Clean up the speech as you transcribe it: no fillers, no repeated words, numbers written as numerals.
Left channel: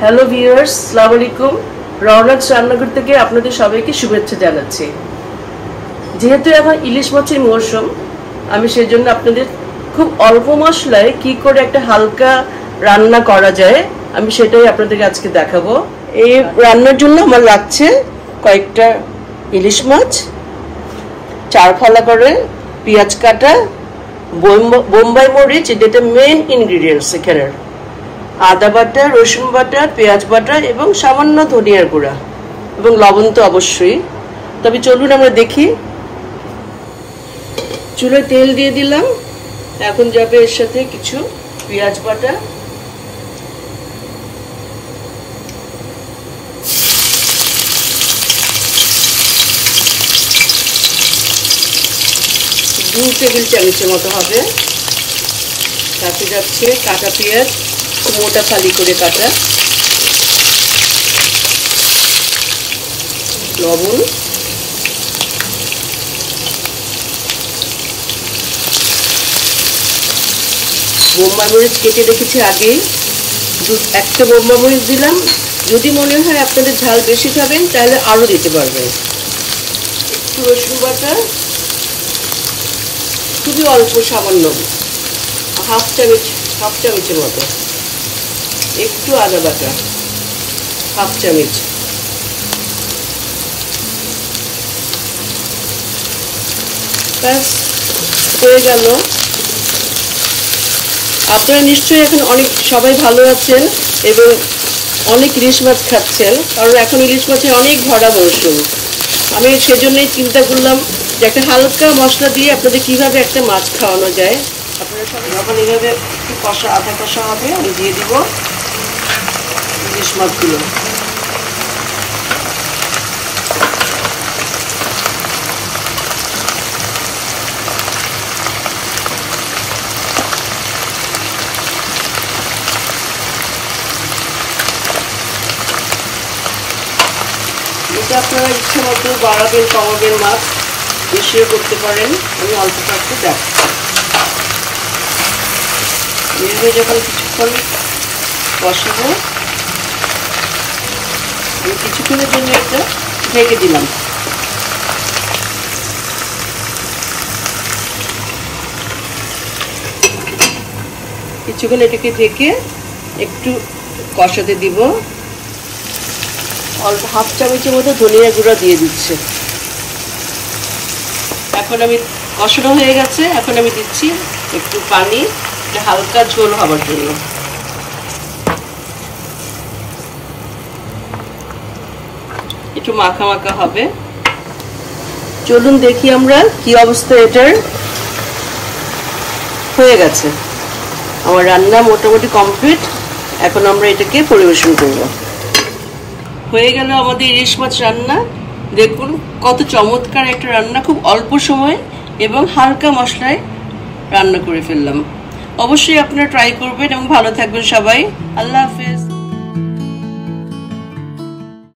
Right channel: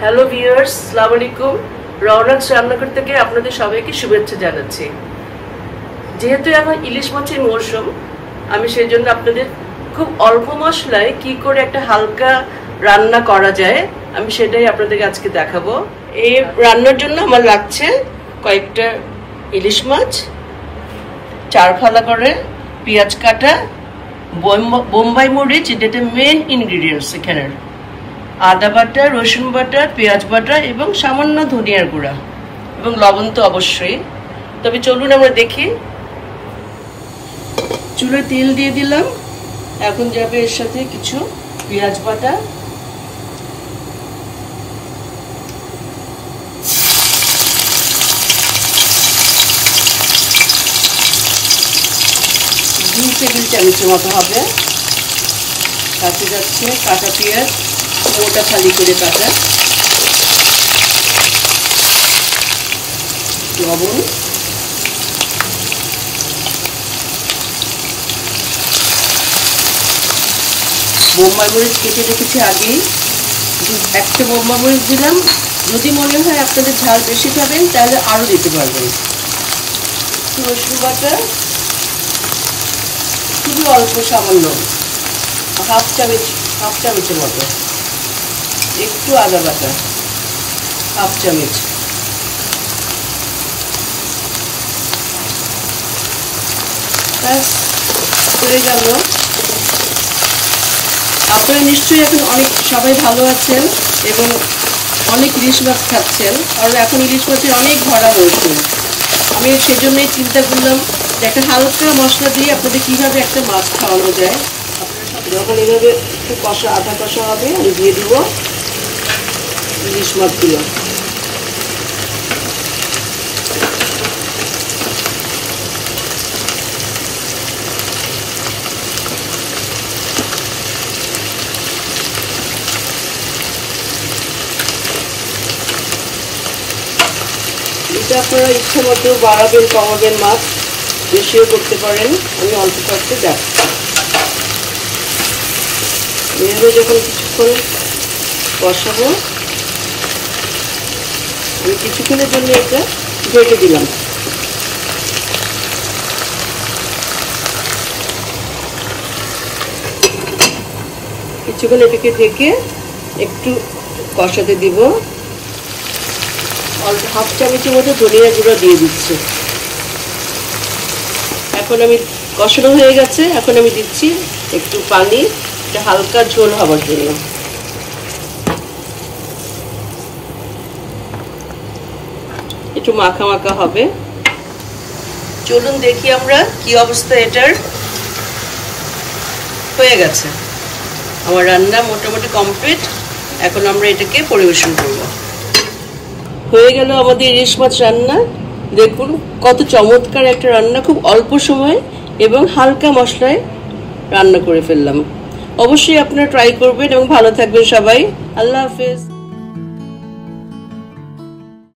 Hello viewers, আসসালামু আলাইকুম। রওনাক রান্নাঘর থেকে আপনাদের সবাইকে শুভেচ্ছা জানাচ্ছি। যেহেতু এখন ইলিশ মাছের মৌসুম, আমি সেই জন্য আপনাদের খুব অল্প মশলায় কি করে একটা হালকা রান্না করা যায় আমি সেটাই আপনাদের আজকে দেখাবো। এই রান্নার জন্য আমার লাগছে কয়েকটা ইলিশ মাছ, 4 ফালা করে পেঁয়াজ কাটা, বোম্বাই মরিচ, যেটা মেন ইনগ্রিডিয়েন্টস এখানের, আদা বাটা, রসুন বাটা, পেঁয়াজ বাটা এবং সামান্য ধনিয়ার গুঁড়া এবং লবণ তো অবশ্যই। তবে চলুন আমরা দেখি। চুলায় তেল দিয়ে দিলাম, এখন যাবে এর সাথে কিছু পেঁয়াজ বাটা, দু টেবিল চামচের মতো হবে। তাতে যাচ্ছে কাটা পেঁয়াজ, মোটা ফালি করে কাটা, লবণ, বোম্বাই মরিচ কেটে রেখেছি আগেই, একটা বোম্বাই মরিচ দিলাম। যদি মনে হয় আপনাদের ঝাল বেশি খাবেন তাহলে আরো দিতে পারবেন। একটু রসুন বাটা, খুবই অল্প, সামান্য হাফ চামচের মতো। একটু আদা বাটা, হাফ চামচ। ব্যাস হয়ে গেল। আপনারা নিশ্চয়ই এখন সবাই ভালো আছেন এবং অনেক ইলিশ মাছ খাচ্ছেন, কারণ এখন ইলিশ মাছের অনেক ধরা মৌসুম। আমি সেজন্যই চিন্তা করলাম যে একটা হালকা মশলা দিয়ে আপনাদের কিভাবে একটা মাছ খাওয়ানো যায়। আপনারা যখন এইভাবে একটু কষা, আধা কষা হবে, আমি দিয়ে দিব ইলিশ মাছগুলো। এটা আপনারা ইচ্ছে মতো বাড়াবেন, কমাবেন, মাছ বেশিও করতে পারেন। আমি অল্প একটু দেখছি। এইভাবে যখন কিছুক্ষণ কষাবো, আমি কিছুক্ষণের জন্য এটা ঢেকে দিলাম। কিছুক্ষণ এটাকে ঢেকে একটু কষাতে দিব। অল্প হাফ চামচের মতো ধনিয়া গুঁড়া দিয়ে দিচ্ছি। এখন আমি কষানো হয়ে গেছে, এখন আমি দিচ্ছি একটু পানি, হালকা ঝোল হবার জন্য। একটু মাখা মাখা হবে। চলুন দেখি আমরা কি অবস্থা এটার। হয়ে গেছে আমার রান্না মোটামুটি কমপ্লিট। এখন আমরা এটাকে পরিবেশন করব। হয়ে গেল আমাদের ইলিশ মাছ রান্না। দেখুন কত চমৎকার একটা রান্না, খুব অল্প সময় এবং হালকা মশলায় রান্না করে ফেললাম। অবশ্যই আপনারা ট্রাই করবেন এবং ভালো থাকবেন সবাই। আল্লাহ হাফেজ।